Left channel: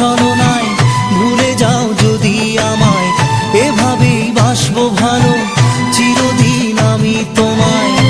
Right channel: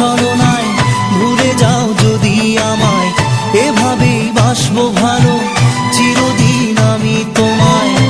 ছলনায় ভুলে যাও যদি আমায়। এভাবেই বাসবো ভালো চিরদিন আমি তোমায়।